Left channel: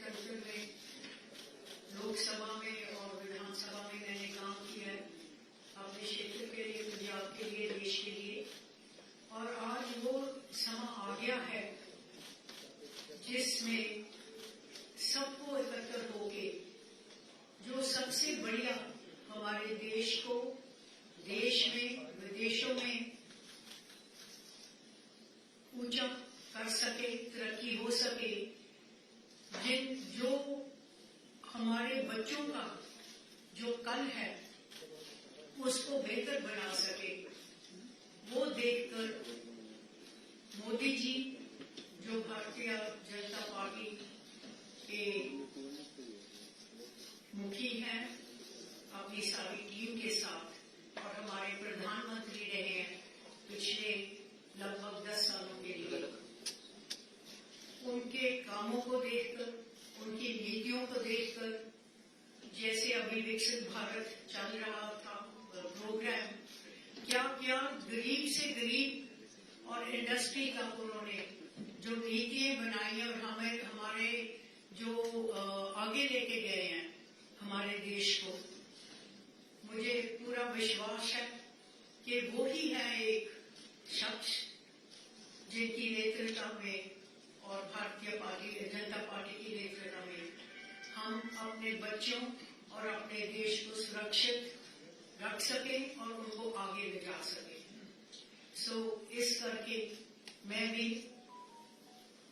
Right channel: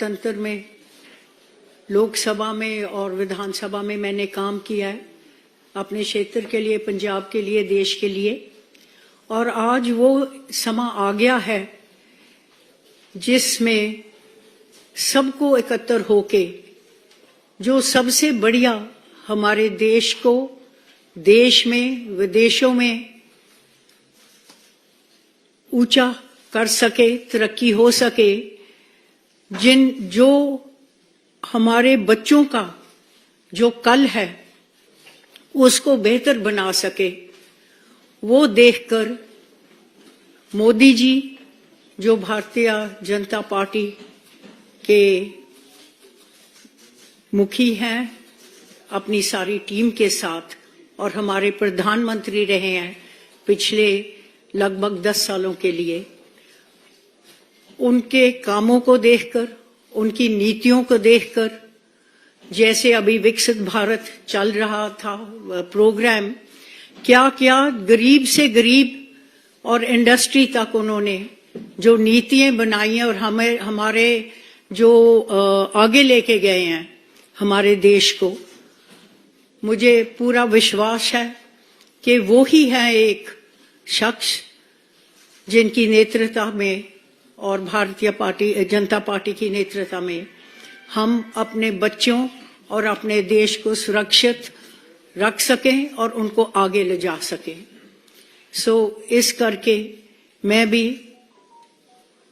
लोकतंत्र में, लोकसभा में और विधानसभा में मैंने काम किया है अपने क्षेत्र के लिए, पंजाब के लिए, देश के लिए। और आज वो समा आ गया है जिसमें सबको एकत्र होके जो सबसे बढ़िया हमारे देश को देश में, विदेशों में ऊंचा कर सके, तरक्की हो सके, जो हमारे बच्चों का जो कल है उसको बेहतर बना सके, वो देखकर मोदी जी जो भारतीय जनता पार्टी के मुखी हैं अपनी सारी टीम के साथ, और हमारे प्रधानमंत्री रहे हैं पिछले लगभग 10 सालों के लिए, उनके कामों को देखकर, उनकी नीतियों को देखकर, जैसे अभी विकसित भारत चल रहा था प्रोग्राम, क्या क्या गरीब से गरीब और इंडस्ट्री तक उन्होंने जो नीतियां बनाई हैं और हमारे जो आगे लेके गए हैं हमारे देश को, मुझे पूरा विश्वास है कि वो ही है एक शख्स जिनकी नेतृत्व में और भारतीय जनता पार्टी की नेतृत्व में हम अपने बच्चों और अपने देश को सुरक्षित रख सकें और उनको आगे ले जा सकें। इस करके मैं भी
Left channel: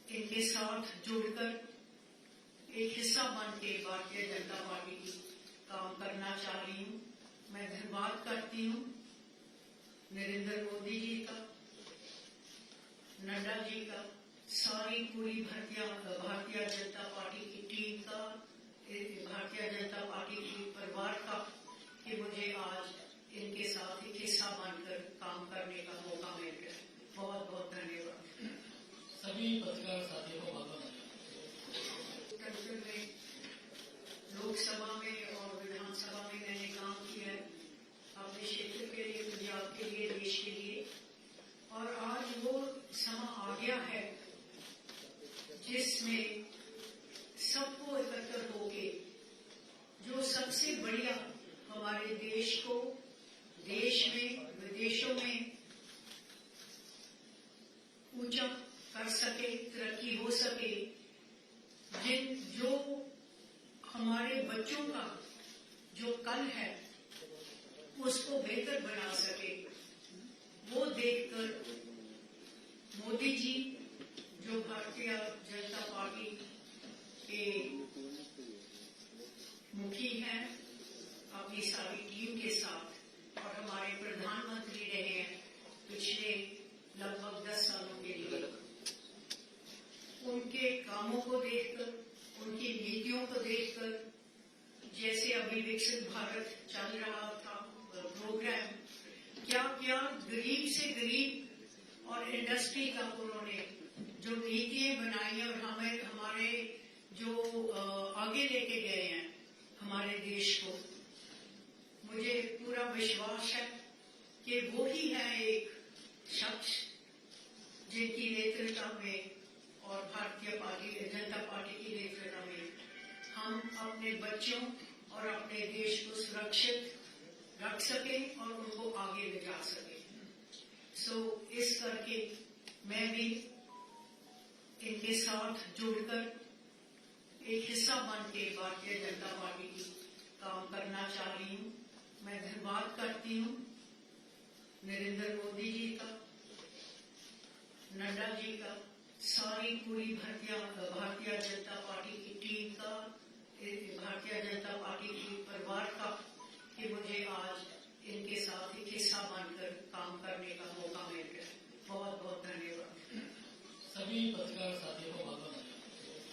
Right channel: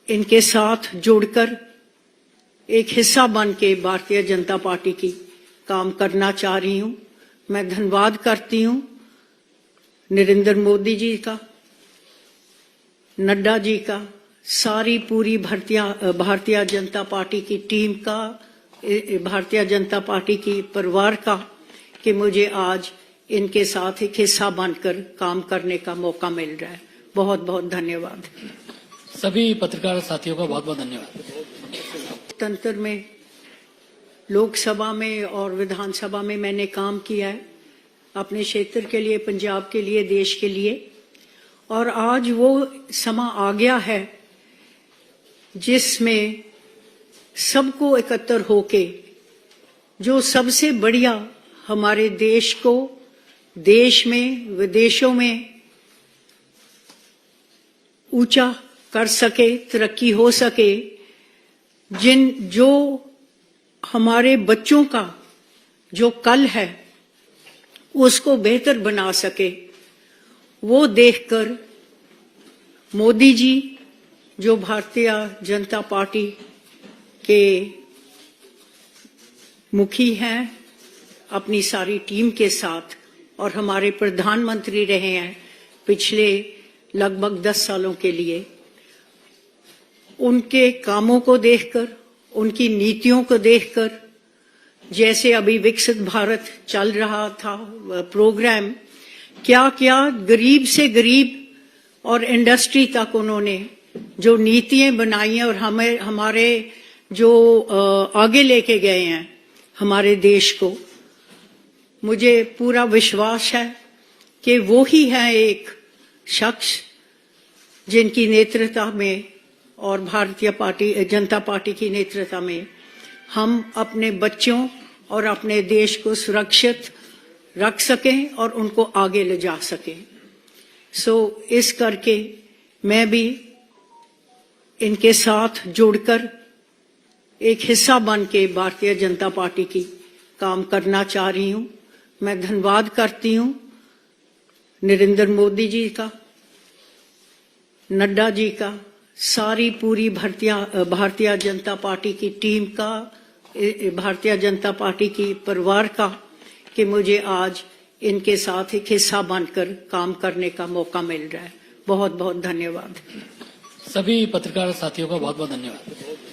इनके साथ जुड़कर एक हिस्सा बन के भारतीय जनता पार्टी की काम करना चाह रही हूं। मैं धन्यवाद करती हूं नरेंद्र मोदी जी का, नड्डा जी का, सारी पूरी भारतीय जनता पार्टी की टीम का, भारतीय जनता पार्टी की परिवार का, कि मुझे आज इनके साथ एक हिस्सा बनकर काम करने का मौका मिल रहा है। बहुत बहुत धन्यवाद। सभी पत्रकार साथियों का बहुत बहुत धन्यवाद। लोकतंत्र में, लोकसभा में और विधानसभा में मैंने काम किया है अपने क्षेत्र के लिए, पंजाब के लिए, देश के लिए। और आज वो समा आ गया है जिसमें सबको एकत्र होके जो सबसे बढ़िया हमारे देश को देश में, विदेशों में ऊंचा कर सके, तरक्की हो सके, जो हमारे बच्चों का जो कल है उसको बेहतर बना सके, वो देखकर मोदी जी जो भारतीय जनता पार्टी के मुखी हैं अपनी सारी टीम के साथ, और हमारे प्रधानमंत्री रहे हैं पिछले लगभग 10 सालों के लिए, उनके कामों को देखकर, उनकी नीतियों को देखकर, जैसे अभी विकसित भारत चल रहा था प्रोग्राम, क्या क्या गरीब से गरीब और इंडस्ट्री तक उन्होंने जो नीतियां बनाई हैं और हमारे जो आगे लेके गए हैं हमारे देश को, मुझे पूरा विश्वास है कि वो ही है एक शख्स जिनकी नेतृत्व में और भारतीय जनता पार्टी की नेतृत्व में हम अपने बच्चों और अपने देश को सुरक्षित रख सकें और उनको आगे ले जा सकें। इस करके मैं भी इनके साथ जुड़कर एक हिस्सा बन के भारतीय जनता पार्टी की काम करना चाह रही हूं। मैं धन्यवाद करती हूं नरेंद्र मोदी जी का, नड्डा जी का, सारी पूरी भारतीय जनता पार्टी की टीम का, भारतीय जनता पार्टी की परिवार का, कि मुझे आज इनके साथ एक हिस्सा बनकर काम करने का मौका मिल रहा है। बहुत बहुत धन्यवाद। सभी पत्रकार साथियों का बहुत बहुत धन्यवाद।